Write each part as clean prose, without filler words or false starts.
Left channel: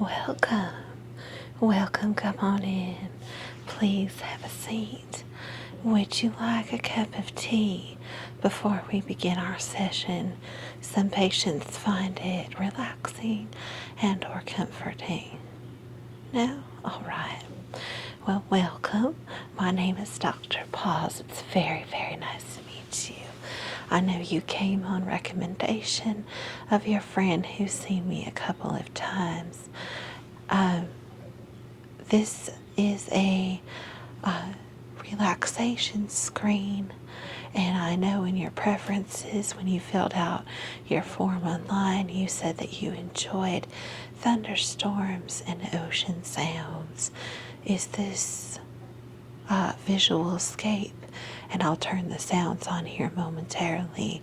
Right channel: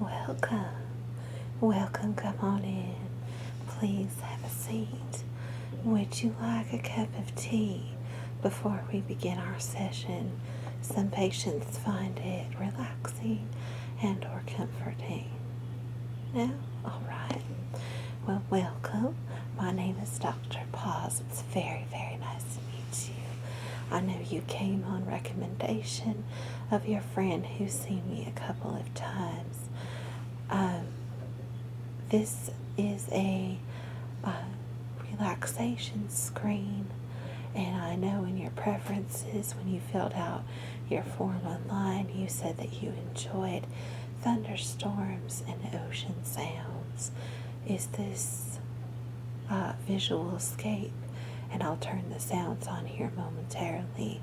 Welcome. Welcome. Come on in. Please have a seat. Would you like a cup of tea before we begin our session? Some patients find it relaxing and or comforting. No? All right. Well, welcome. My name is Dr. Paz. It's very, very nice to meet you. I know you came on recommendation of your friend who's seen me a couple of times. This is a relaxation screen, and I know in your preferences when you filled out your form online, you said that you enjoyed thunderstorms and ocean sounds. Is this visual escape? And I'll turn the sounds on here momentarily.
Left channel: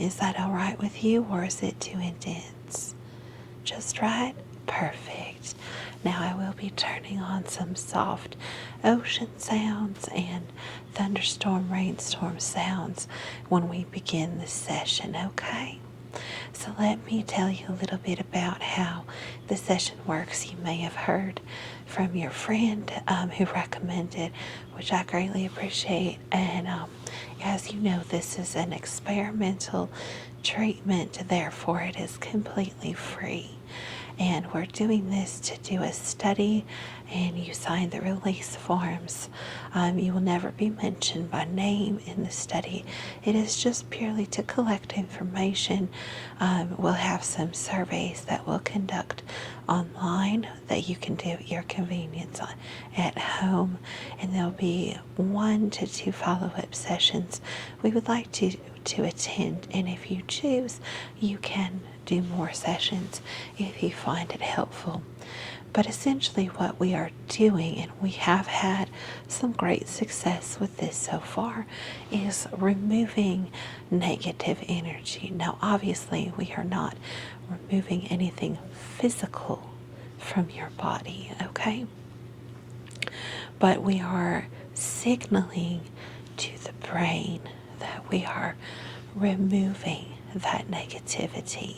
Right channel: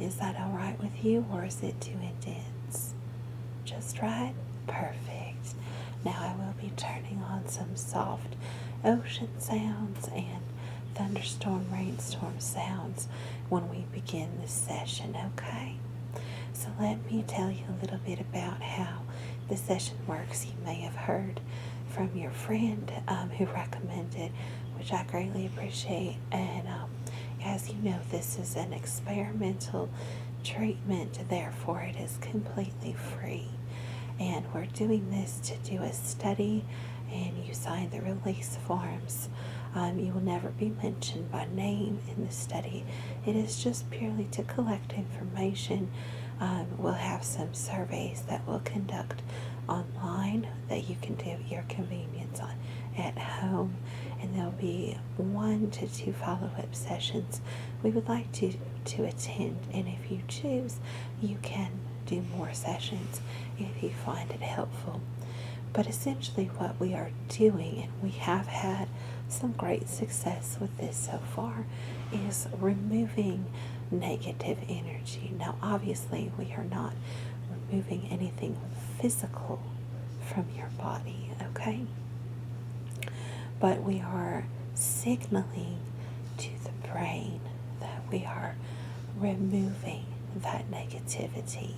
Is that all right with you, or is it too intense? Just right? Perfect. Now I will be turning on some soft ocean sounds and thunderstorm, rainstorm sounds when we begin this session, okay? So let me tell you a little bit about how the session works. You may have heard from your friend who recommended, which I greatly appreciate. And as you know, this is an experimental treatment, therefore it is completely free. And we're doing this to do a study, and you sign the release forms. You will never be mentioned by name in the study. It is just purely to collect information. We'll have some surveys that we'll conduct online that you can do at your convenience at home, and there'll be 1 to 2 follow-up sessions we would like to attend, and if you choose, you can do more sessions if you find it helpful. But essentially what we are doing, and we have had some great success with this so far, is removing negative energy. Now obviously we are not removing anything physical from your body, okay? But we are signaling to the brain that we are removing that negativity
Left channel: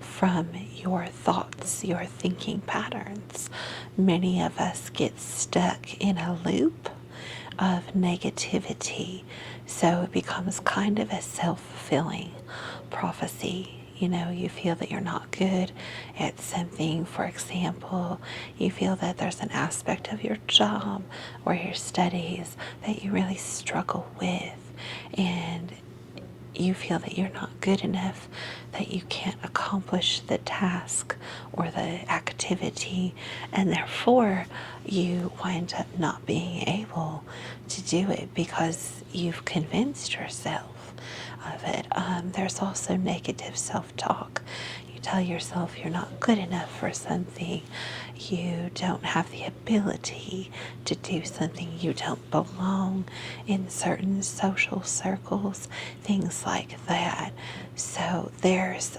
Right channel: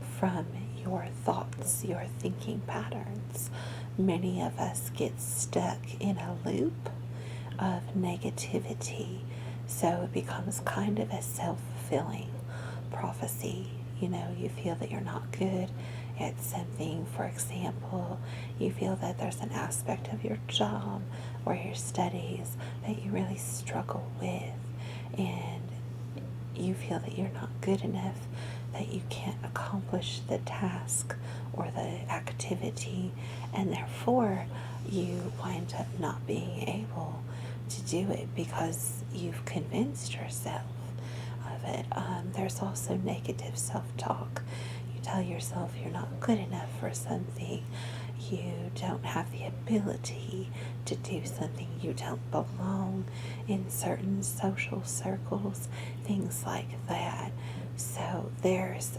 from your thoughts, your thinking patterns. Many of us get stuck in a loop of negativity, so it becomes kind of a self-fulfilling prophecy. You know, you feel that you're not good at something. For example, you feel that there's an aspect of your job or your studies that you really struggle with, and you feel that you're not good enough, that you can't accomplish the task or the activity, and therefore you wind up not being able to do it because you've convinced yourself of it. There's also negative self-talk. You tell yourself you're not good enough for something, you don't have the ability to do something, you don't belong in certain social circles, things like that. So there's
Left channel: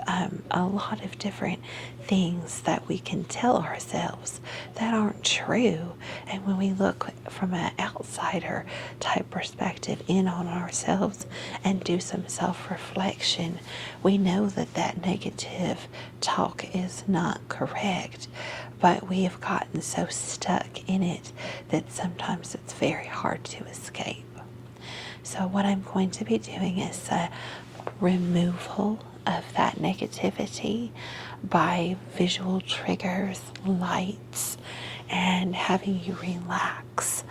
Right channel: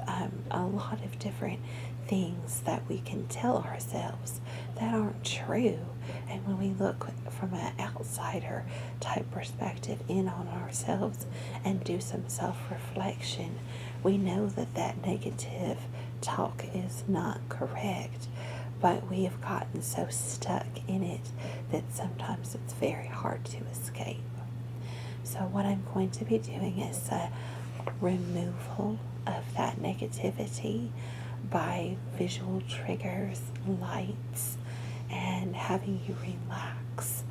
a lot of different things that we can tell ourselves that aren't true. And when we look from an outsider type perspective in on ourselves and do some self-reflection, we know that that negative talk is not correct. But we have gotten so stuck in it that sometimes it's very hard to escape. So what I'm going to be doing is a removal of that negativity by visual triggers, lights, and having you relax.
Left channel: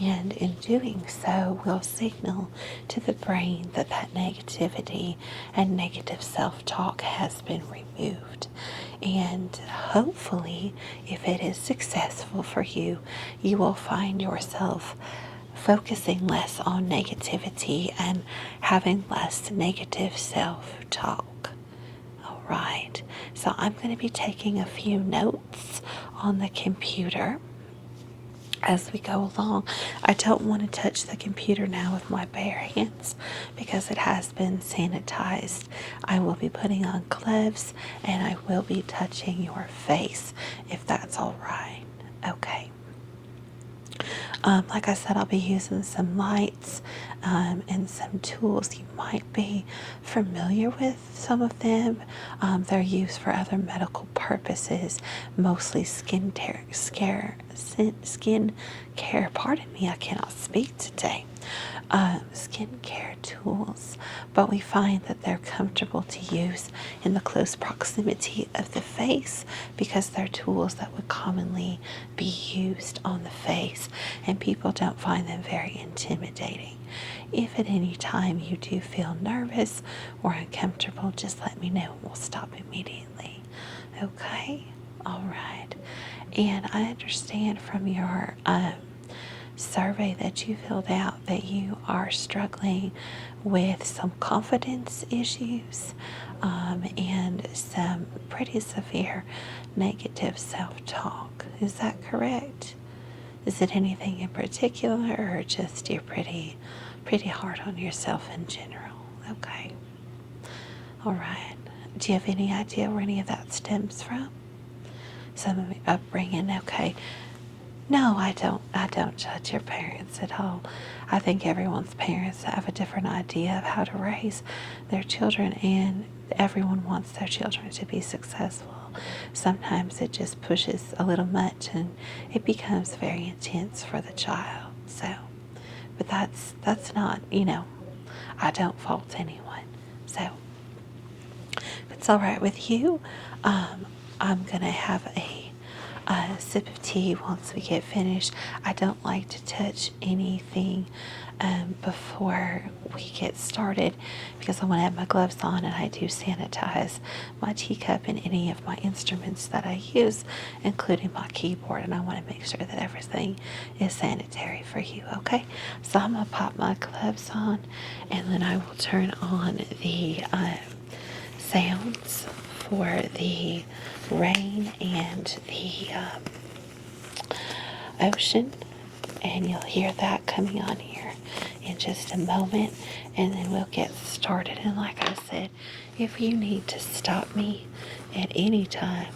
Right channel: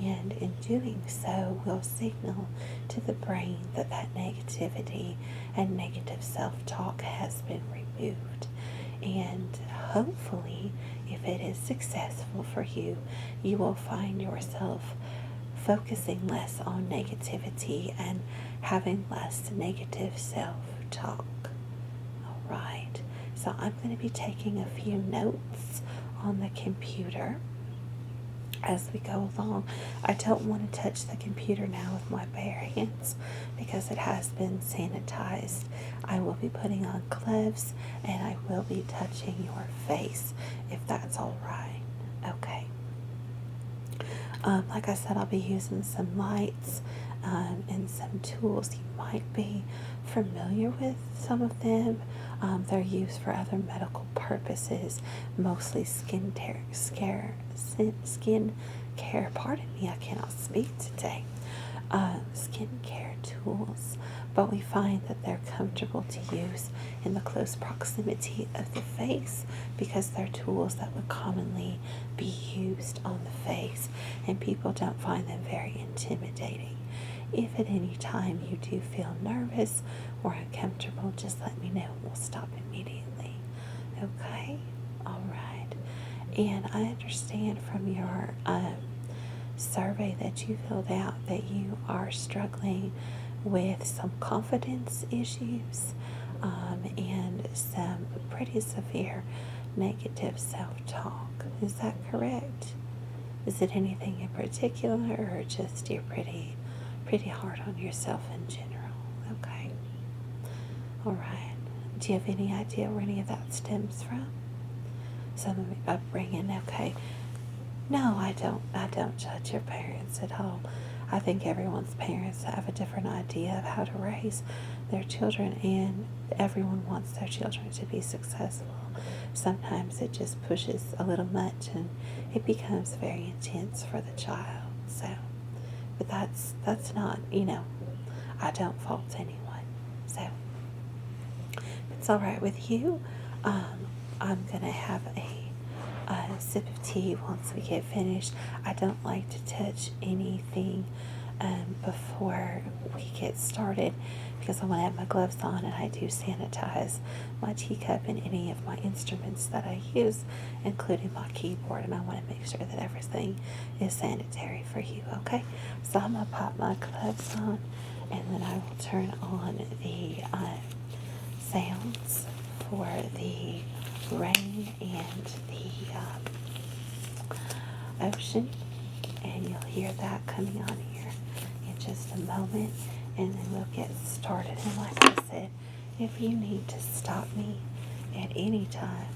And in doing so, we'll signal to the brain that that negativity and negative self-talk has been removed. And hopefully, if it is successful for you, you will find yourself focusing less on negativity and having less negative self-talk. All right, so I'm going to be taking a few notes on the computer as we go along. I don't want to touch the computer now with my bare hands because it has been sanitized. I will be putting on gloves and I will be touching your face if that's all right. Okay. Like I said, I'll be using some lights and some tools. You might be familiar with some of them. They're used for other medical purposes, mostly skin care. Pardon me, I cannot speak today. Skincare tools, but we find that they're comfortable to use in the close proximity of the face because they're tools that would commonly be used on the face, and people don't find them very intimidating. If at any time you do feel nervous or uncomfortable, just let me know. We'll stop immediately. Okay? All right. And I understand from your survey that you filled out that you are struggling with some confidence issues and some pretty severe negative self-talk. Is that correct? Is it anything in particular, or just you're pretty hard on yourself in general? Okay. All right. Do you have any idea where any of that stems from? Some of your upbringing? Okay. No, I don't judge your parents at all. I think everyone's parents have a different idea of how to raise their children, and everyone wants their children to be successful. Sometimes it just pushes a little much and it becomes very intense for the child. So, but that's not, I don't fault anyone. So, if it's all right with you, I'm going to have a sip of tea once we get finished. I don't like to touch anything before we get started because I want to have my gloves on, and I do sanitize my teacup and any of my instruments that I use, including my keyboard, and I want to make sure that everything is sanitary for you, okay? So I'm going to pop my gloves on, and then I will turn on the sounds for the rain and the ocean, and you'll hear that coming on here in just a moment, and then we'll get started. And like I said, if you need to stop me at any time,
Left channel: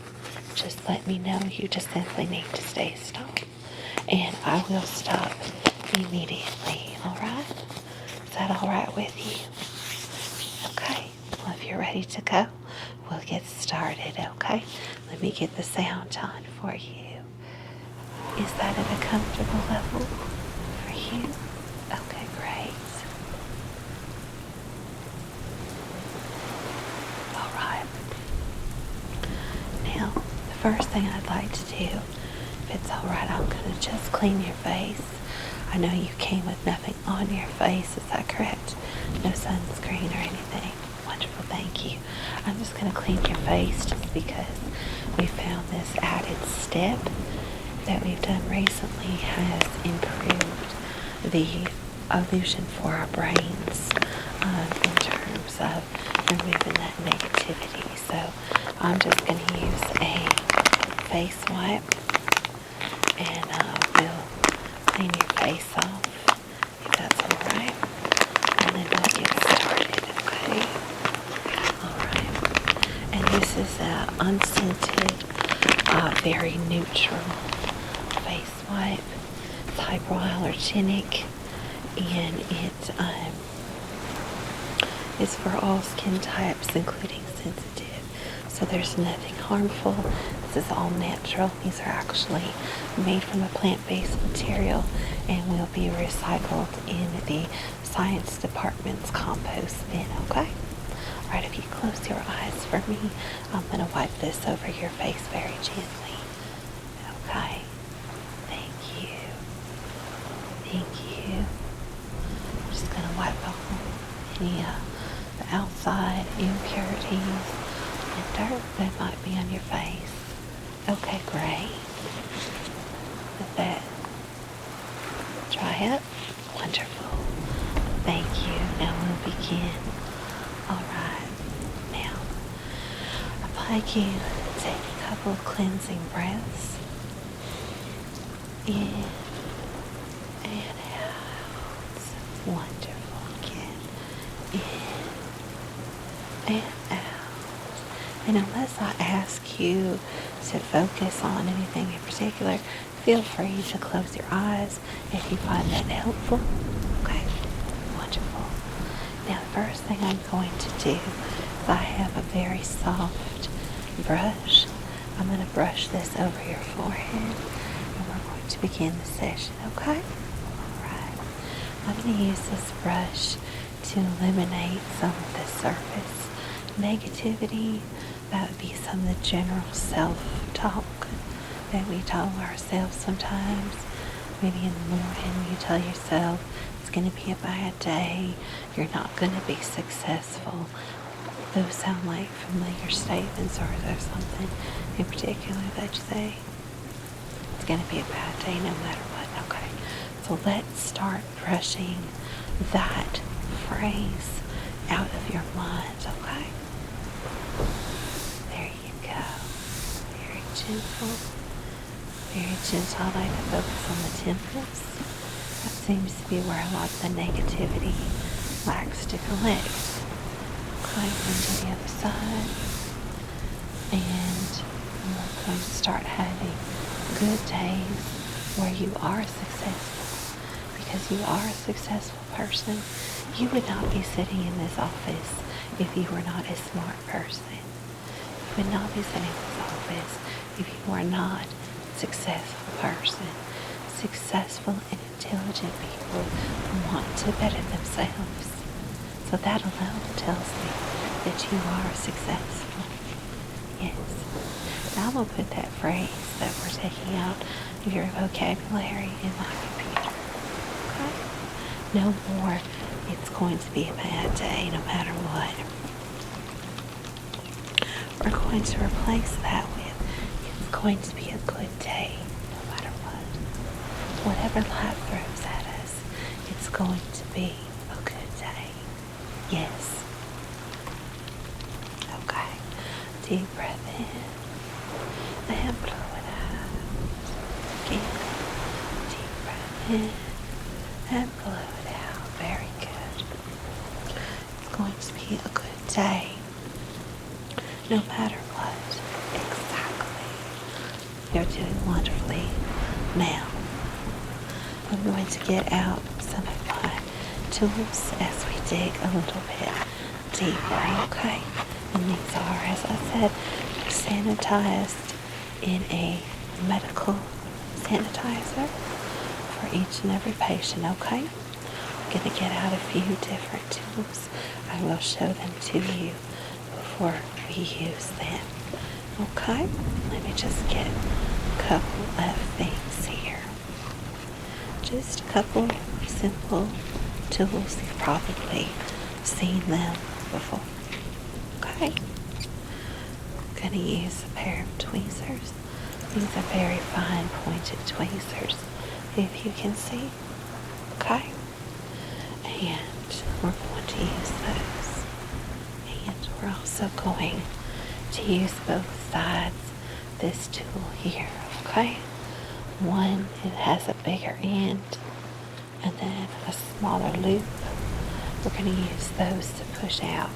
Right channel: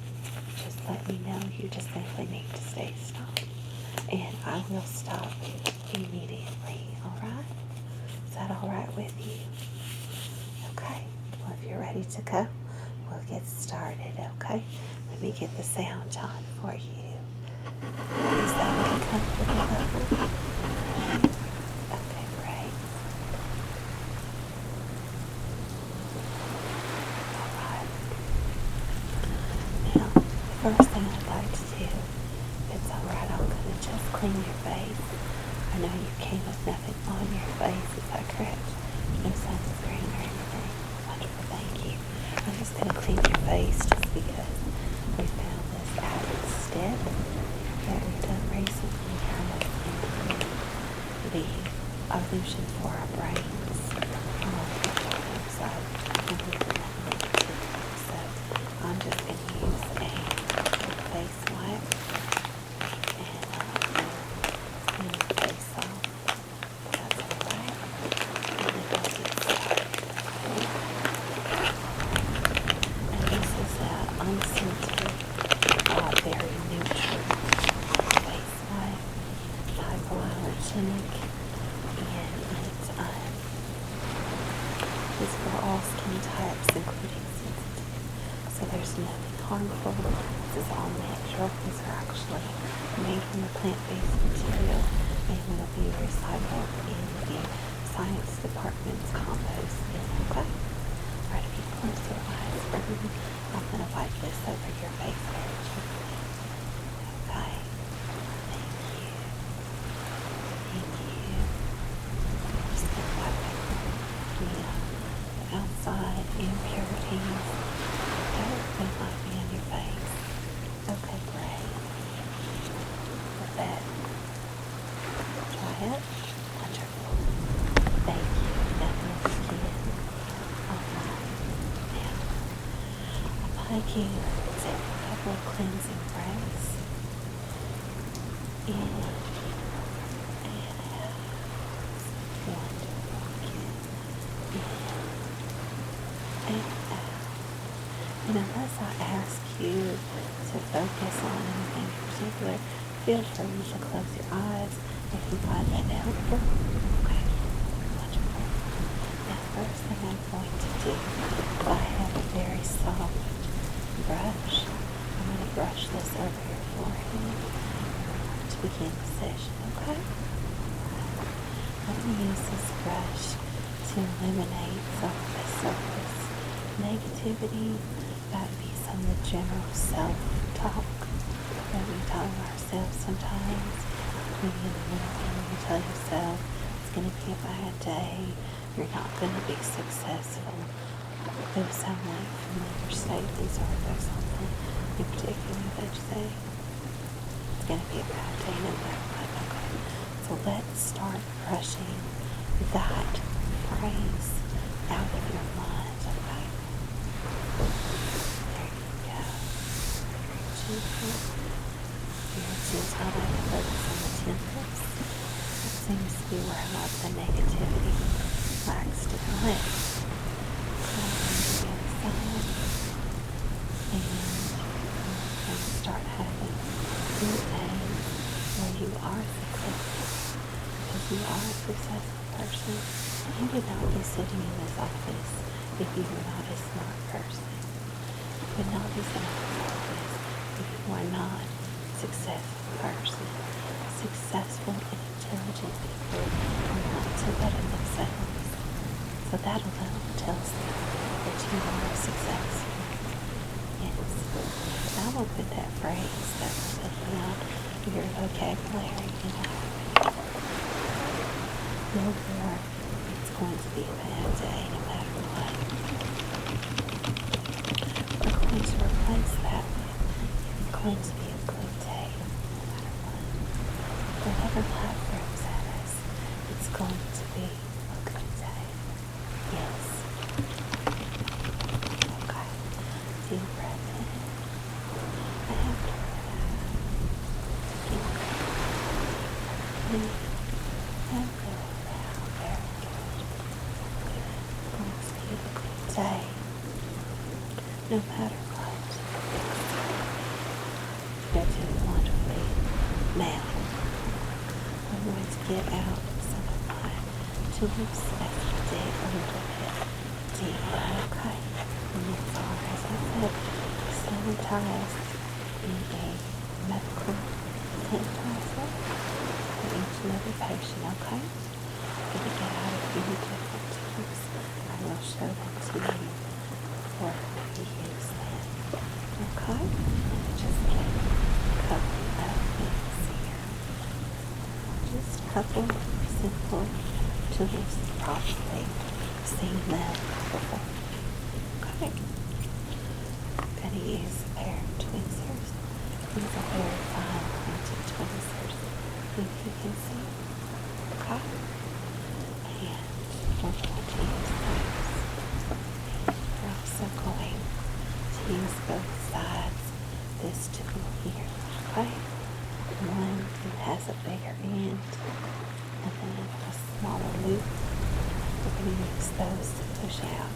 just let me know. You just simply need to stay stopped, and I will stop immediately. All right? Is that all right with you? Okay. Well, if you're ready to go, we'll get started. Okay? Let me get the sound on for you. Is that at a comfortable level for you? Okay, great. All right. Now, the first thing I'd like to do, if it's all right, I'm going to just clean your face. I know you came with nothing on your face. Is that correct? No sunscreen or anything? Wonderful, thank you. I'm just going to clean your face just because we found this added step that we've done recently has improved the illusion for our brains in terms of removing that negativity. So I'm just going to use a face wipe, and we'll clean your face off, if that's all right, and then we'll get started, okay? All right. And this is an unscented, very neutral face wipe. It's hypoallergenic, and it's for all skin types, including sensitive. So there's nothing harmful. This is all natural. These are actually made from a plant-based material and will be recycled in the science department's compost bin, okay? All right, if you close your eyes for me, I'm going to wipe this over your face very gently. Okay? Thank you. Thank you. I'm just going to wipe over the outside impurities and dirt that might be on your face. Okay, great. Let that dry up. Wonderful. Thank you. Now we'll begin. All right. Now, I'd like you to take a couple of cleansing breaths. In and out. Wonderful. Again. In and out. And unless I ask you to focus on anything in particular, feel free to close your eyes if you find that helpful. Okay. logical. Now, first thing I'm going to do is I have a very soft brush. I'm going to brush this over your forehead, and we're going to begin the session, okay? Alright. I'm going to use this brush to eliminate some of the surface negativity. That would be some of the general self-talk that we tell ourselves sometimes. Maybe in the morning when you tell yourself it's going to be a bad day, you're not going to be successful. Those sound like familiar statements, or is there something in particular that you say? It's going to be a bad day no matter what. Okay. So let's start brushing that phrase out of your mind, okay? There you go. Very gentle. Very gentle. I like to focus on the temples. That seems to be where a lot of the negativity likes to collect. Right into the other side. And we're going to start having good days where you are successful. Because you are a successful person. You would not be sitting in this office if you were not a smart person. You would not be sitting in this office if you are not a successful person. Successful and intelligent people who want to better themselves. So that alone tells me that you are successful. Yes. I will put that phrase that we're taking out of your vocabulary in my computer. No more, it's going to be a bad day no matter what. We're going to replace that with, it's going to be a good day no matter what. Whatever life throws at us, it's going to be a good day. Yes. Okay. Deep breath in. And blow it out. Deep breath in. And blow it out. Very good. It's going to be a good day. No matter what. Exactly. You're doing wonderfully. Now, I'm going to get out some of my tools as we dig a little bit deeper, okay? And these are, as I said, sanitized in a medical sanitizer for each and every patient, okay? I'm going to get out a few different tools. I will show them to you before we use them, okay? Let me just get a couple of things here. Just a couple simple tools. You've probably seen them before. Okay. I'm going to use a pair of tweezers. These are very fine pointed tweezers, if you can see. Okay. And we're going to use those. And we're also going to use both sides of this tool here. Okay. One, it has a bigger end and then a smaller loop. We're going to use those to push out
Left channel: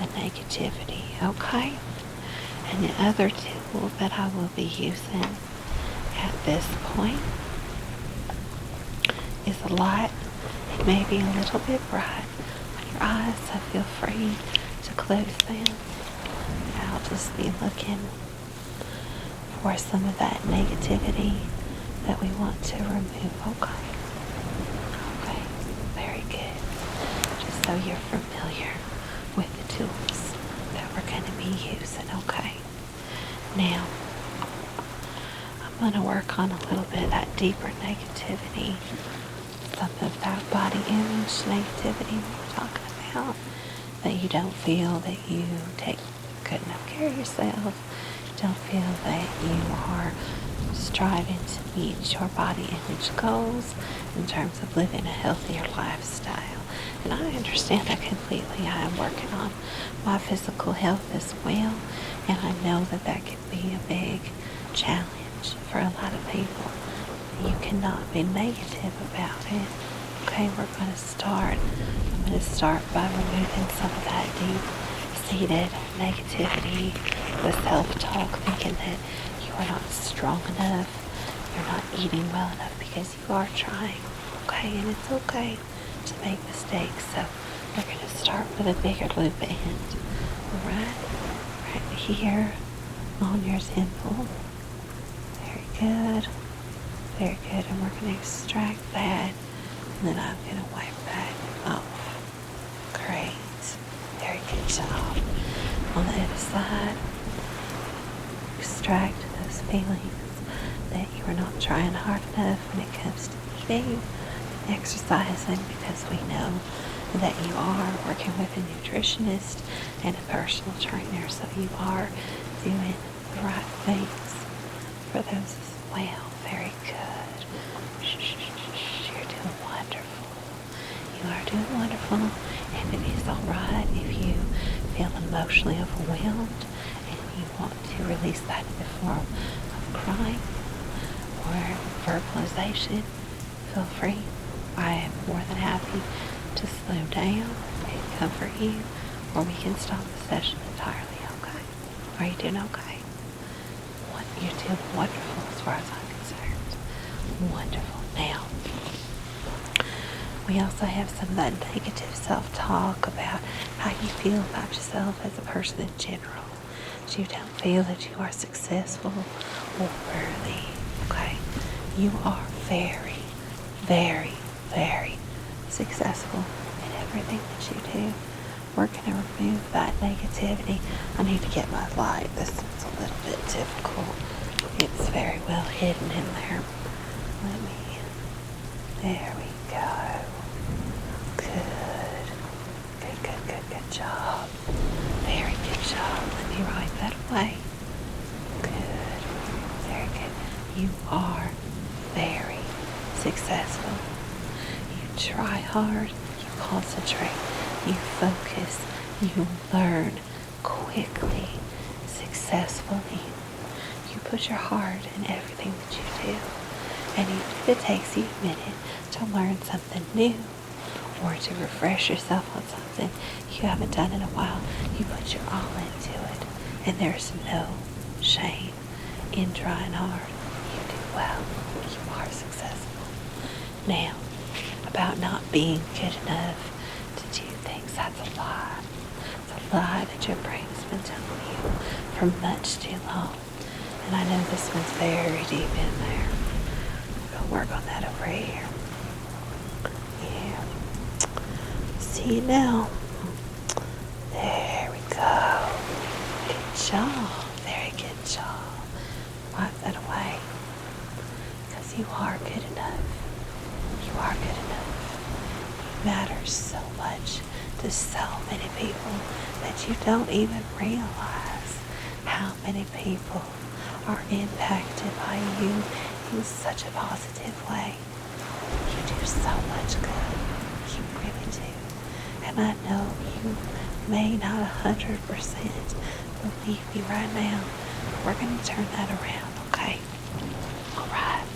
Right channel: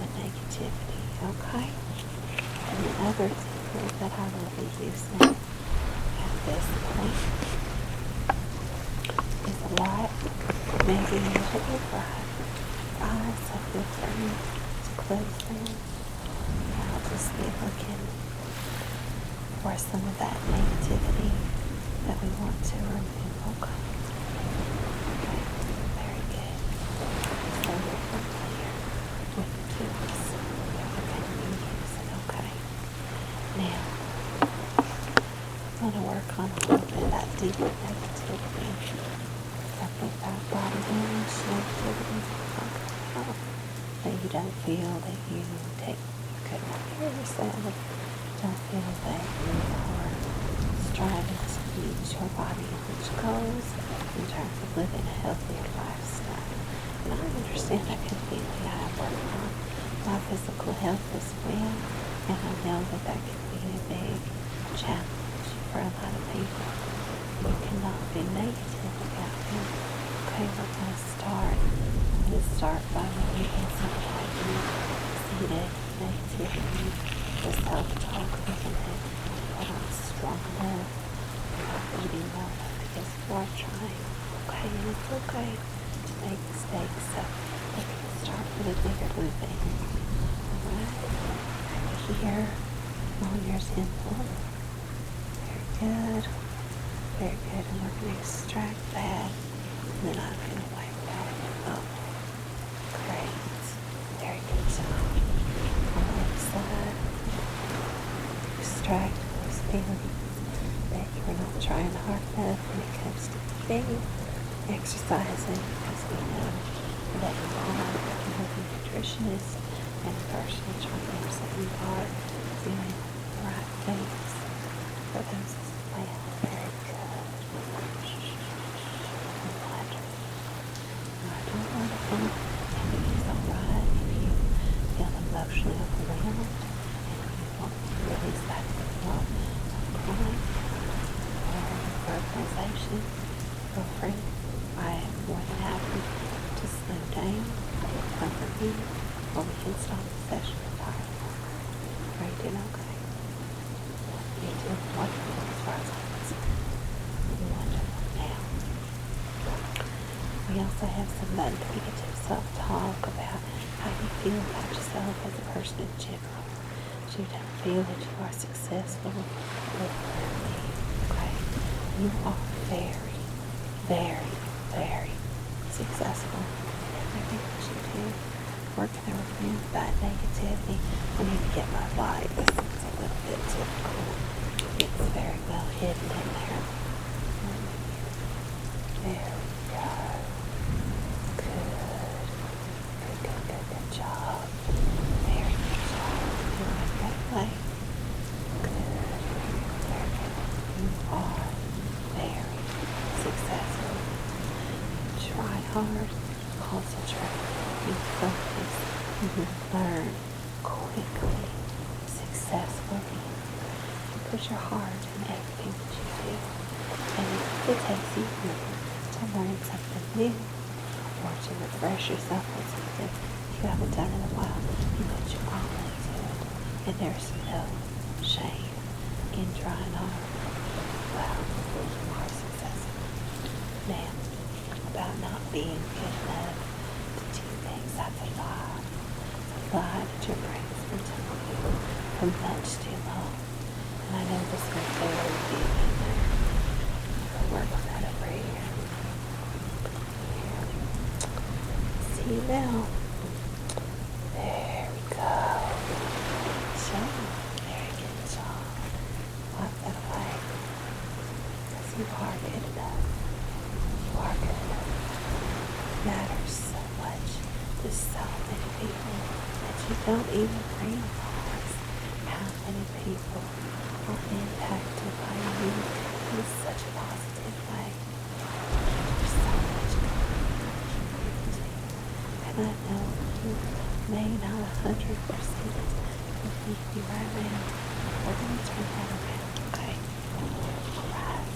the negativity, okay? And the other tool that I will be using at this point is a light, maybe a little bit bright. Your eyes, so feel free to close them. I'll just be looking for some of that negativity that we want to remove, okay? Okay, very good. Just so you're familiar with the tools that we're going to be using, okay? Now, I'm going to work on a little bit of that deeper negativity, some of that body image negativity we're talking about, that you don't feel that you take good enough care of yourself, don't feel that you are striving to meet your body image goals in terms of living a healthier lifestyle. And I understand that completely. I am working on my physical health as well, and I know that that can be a big challenge for a lot of people. You cannot be negative about it. Okay, I'm going to start by removing some of that deep-seated negativity, the self-talk, thinking that you are not strong enough, you're not eating well enough, because you are trying, okay? And it's okay to make mistakes. So we're going to start with a bigger loop end. Right here on your temple. Very good. Very good. And we're going to extract that. And then I'm going to wipe that off. Great. Very good job. On the other side, extract those feelings that you are not trying hard enough when it comes to eating, exercising, because we know that you are working with a nutritionist and a personal trainer, so you are doing the right things for those as well. Very good. You're doing wonderful. You are doing wonderful, and it is all right if you feel emotionally overwhelmed and you want to release that in the form of crying or verbalization. Feel free. I am more than happy to slow down and comfort you, or we can stop the session entirely. Okay? Are you doing okay? You're doing wonderful as far as I'm concerned. Wonderful. Now, we also have some of that negative self-talk about how you feel about yourself as a person in general. You don't feel that you are successful or worthy. Okay? You are very, very, very successful in everything that you do. We're going to remove that negativity. I need to get my light. This is a little bit difficult. It's very well hidden in there. There we go. Good. Good, good, good, good job. Very good job. Let me write that away. Good. Very good. You are very successful. You try hard. You concentrate. You focus. You learn quickly, successfully. You put your heart in everything that you do. And if it takes you a minute to learn something new or to refresh yourself with something you haven't done in a while, you put your all into it. And there's no shame in trying hard. You do well. You are successful. Now, about not being good enough to do things, that's a lie. It's a lie that your brain's been telling you for much too long. And I know this one's very deep in there. We'll work on that over here. Yeah. See you now. There we go. Good job. Very good job. Wipe that away. Because you are good enough. You are good enough. It matters so much to so many people that you don't even realize how many people are impacted by you in such a positive way. You do so much good. You really do. And I know you may not 100% believe me right now. We're going to turn that around, okay? Right.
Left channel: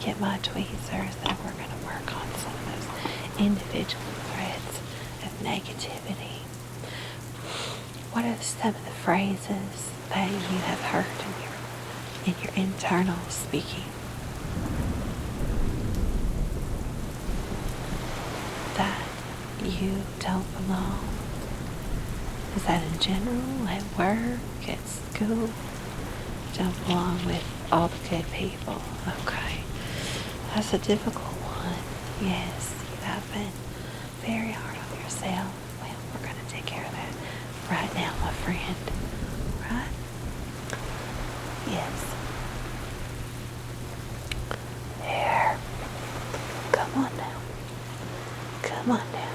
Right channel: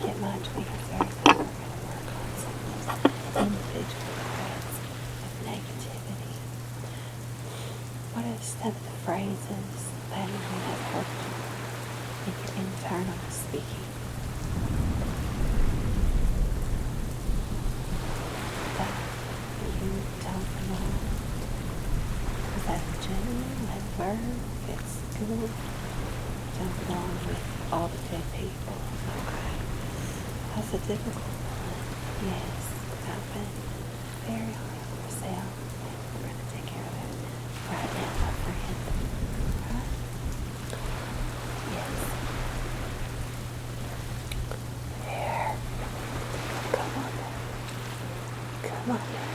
Get my tweezers and we're going to work on some of those individual threads of negativity. What are some of the phrases that you have heard in your internal speaking that you don't belong? Is that in general, at work, at school? Don't belong with all the good people. Okay. That's a difficult one. Yes, you have been very hard on yourself. And we're going to take care of that right now, my friend. Right? Yes. There. Come on now. Come on now.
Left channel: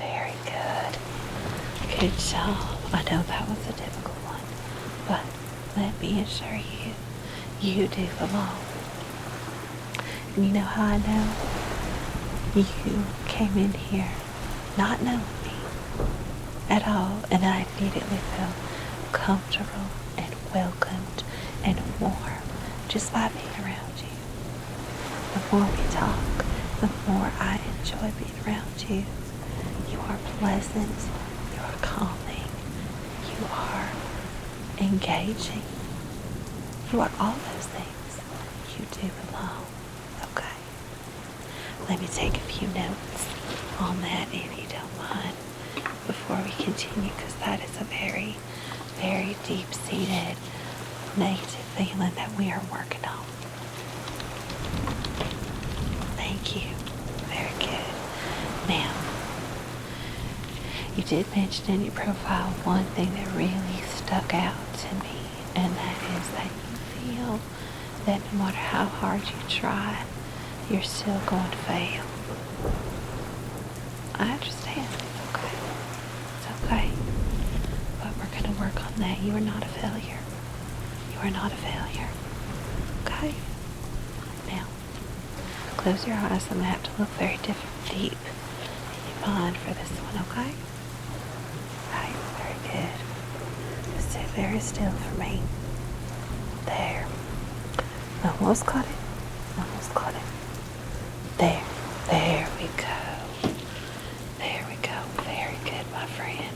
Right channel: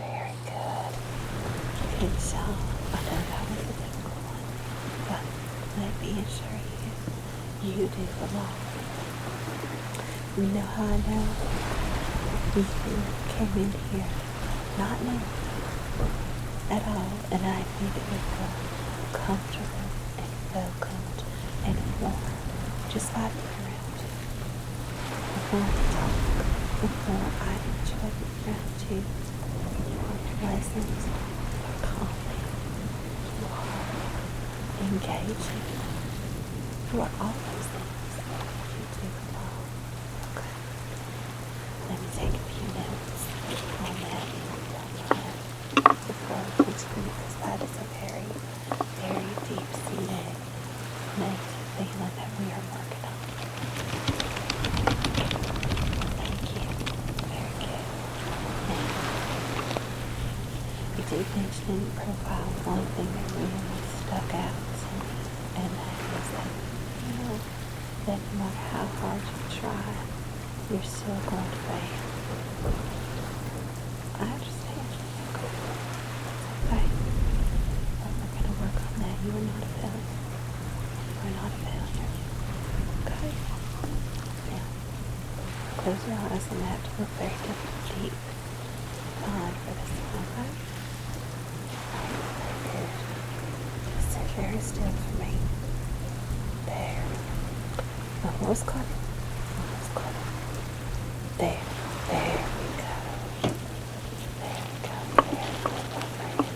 Very good. Good job. I know that was a difficult one, but let me assure you, you do belong. You know how I know? You came in here not knowing me at all, and I immediately felt comfortable and welcomed and warm just by being around you. The more we talk, the more I enjoy being around you. You are pleasant, you are calming, you are engaging, you are all those things. You do belong. Okay. Let me take a few notes feeling that we are working on. Thank you. Very good. Now, you did mention in your profile one thing that really stuck out to me, and that is that you feel that no matter how hard you try, you're still going to fail. I understand. Okay. It's okay. But we're going to work on that. You are not a failure. You are not a failure. Okay? Now, close your eyes. I'm going to have to look very deep behind for this one, okay? Right, very good. Just sit very still for me. There. Almost caught it. Almost caught it. There. There we go. There we go. Very good, my friend.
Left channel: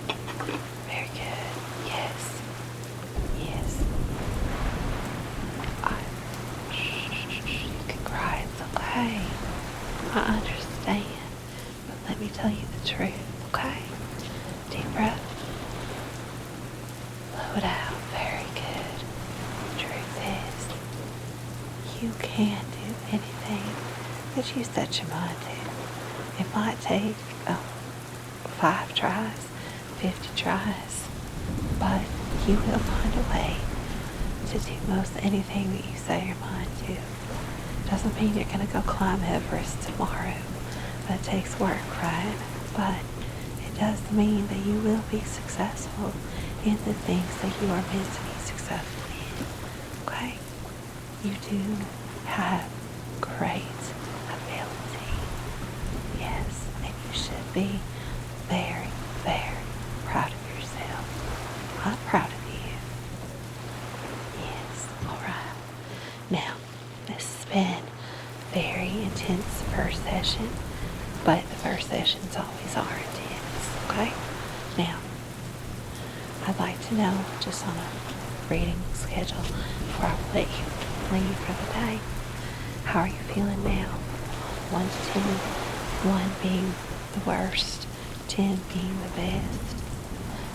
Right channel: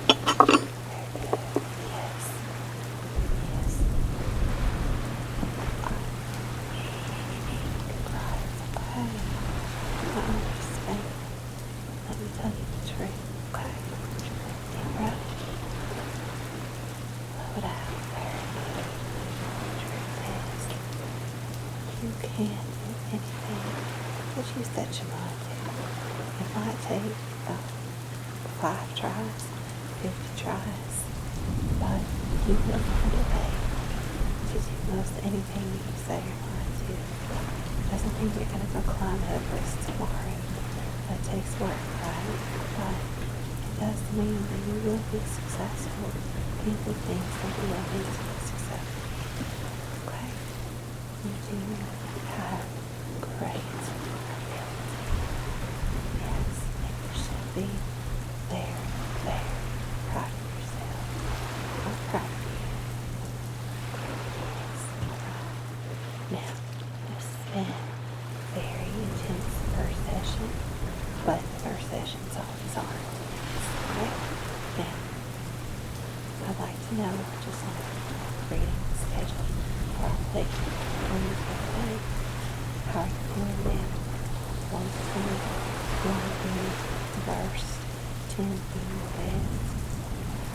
Very good. Yes. Yes. You can cry. It's okay. I understand. But let me tell you the truth, okay? Deep breath. Blow it out. Very good. Truth is, you can do anything that you set your mind to. It might take 5 tries, 50 tries, but you will find a way to do most anything that you set your mind to. Doesn't mean you're going to go climb Everest tomorrow. That takes work, right? But it does mean that you will be successful in the things that you are meant to be successful in. Okay? You do have great ability. Yes, and you should be very, very proud of yourself. I'm proud of you. Yes, alright. Now, this has been a very intense first session, but the first sessions always are intense, okay? Now, I'd like to know, just on a reading schedule, before I let you leave for the day, how are you feeling now? 1 to 10, 1 being the worst, 10 being the best.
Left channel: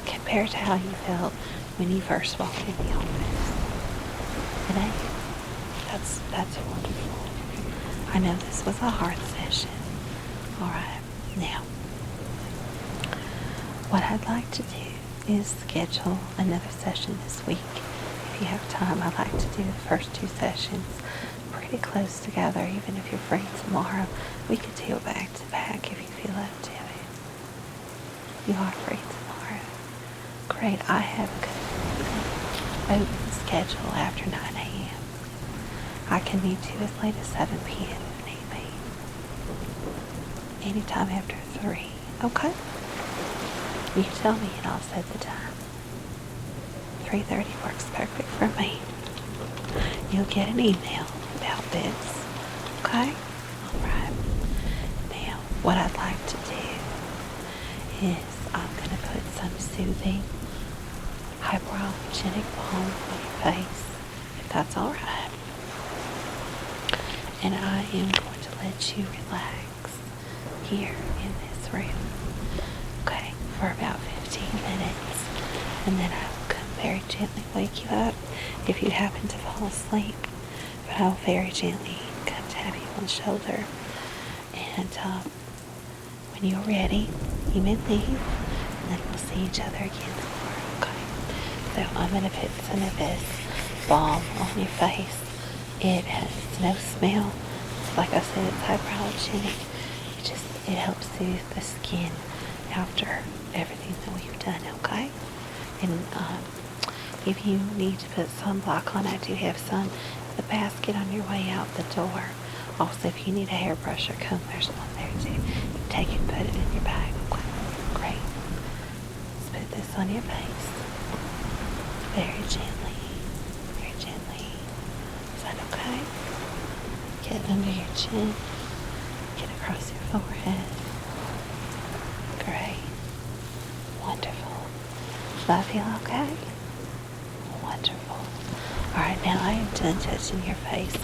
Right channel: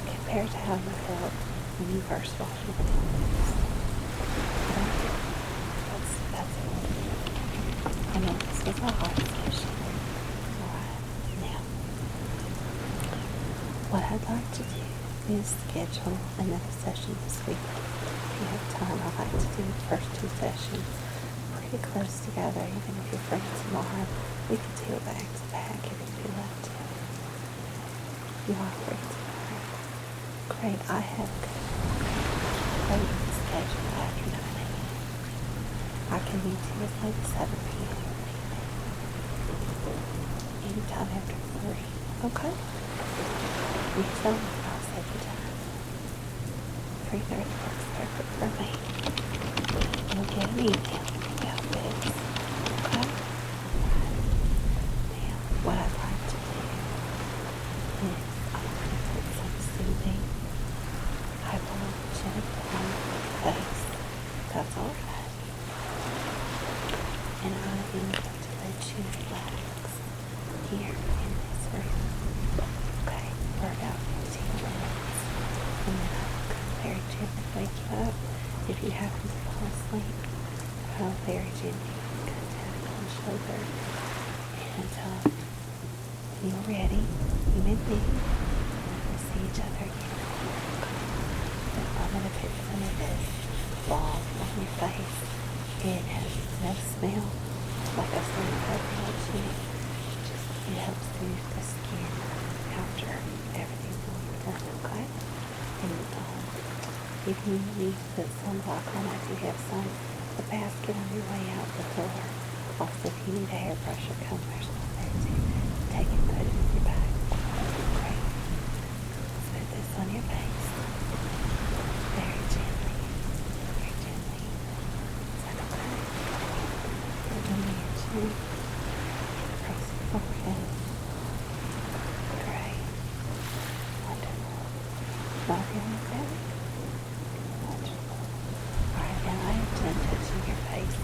Compared to how you felt when you first walked in the office. That's it. I know this was a hard session. Alright, now, what I'd like to do is schedule another session this week. If you have time, I'd like to do the first 2 sessions pretty close together. Even if you're free tomorrow, we can do back to back if you feel up to it. You are free tomorrow. Great, I have a good open schedule after 9 a.m. I can meet you as late as 7 p.m. if need be. Anytime after 3, okay? You tell me and I'll set the time. 3:30 works perfect for me. You'll get an email about this, okay? Alright. Now, what I'd like to do is I'm going to put some soothing hypoallergenic balm on your face, if that's alright. And I am going to let you relax here in this room, okay, for about 15 minutes. And then I will come very gently wake you up if you happen to fall asleep. But I'll very gently come tap you on the shoulder. And when you're ready, you may leave, and then we'll see each other again. Okay. So I'm going to put some of this balm on your face. It has no smell. Like I said, it's hypoallergenic. It helps soothe the skin after everything that we've done, okay? And if you need to put sunblock on, I do have some in the basket on your way out the door. Also, if you need a hairbrush or comb, there's one there too. Take it and put it in your bag. Great. Let's put this on your face. Very gently. Very gently. Is that okay? Get under your chin. Get across your forehead. Great. Wonderful. Does that feel okay? Wonderful. Alright, now I am done touching your face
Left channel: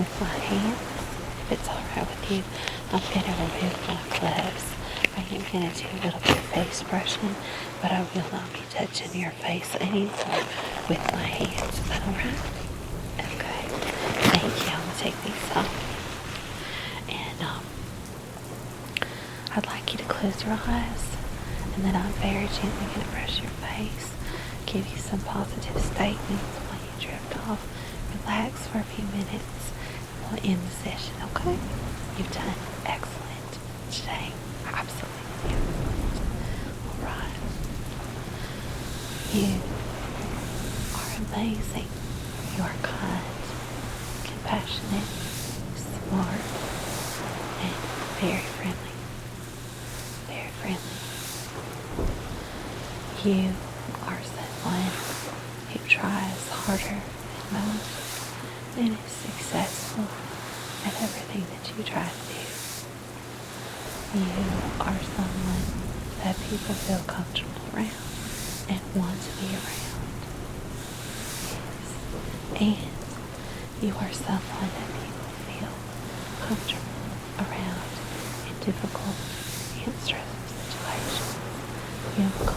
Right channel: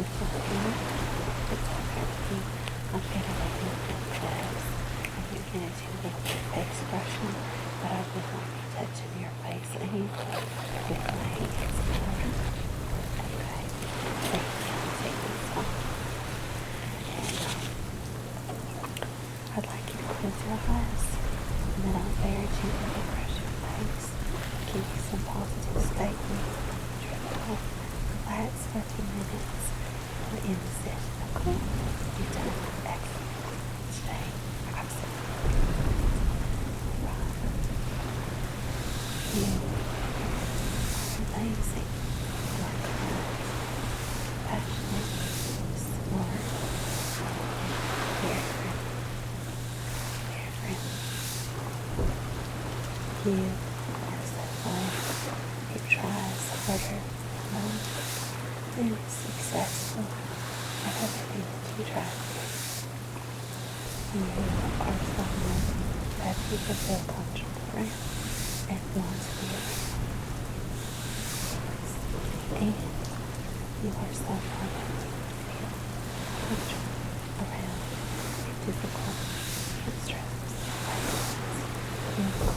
with my hand. If it's alright with you, I'm going to remove my gloves. I'm going to do a little bit of face brushing, but I will not be touching your face anymore with my hands. Alright. well and successful at everything that you try to do. You are someone that people feel comfortable around and want to be around. And you are someone that people feel comfortable around in difficult and stressful situations. You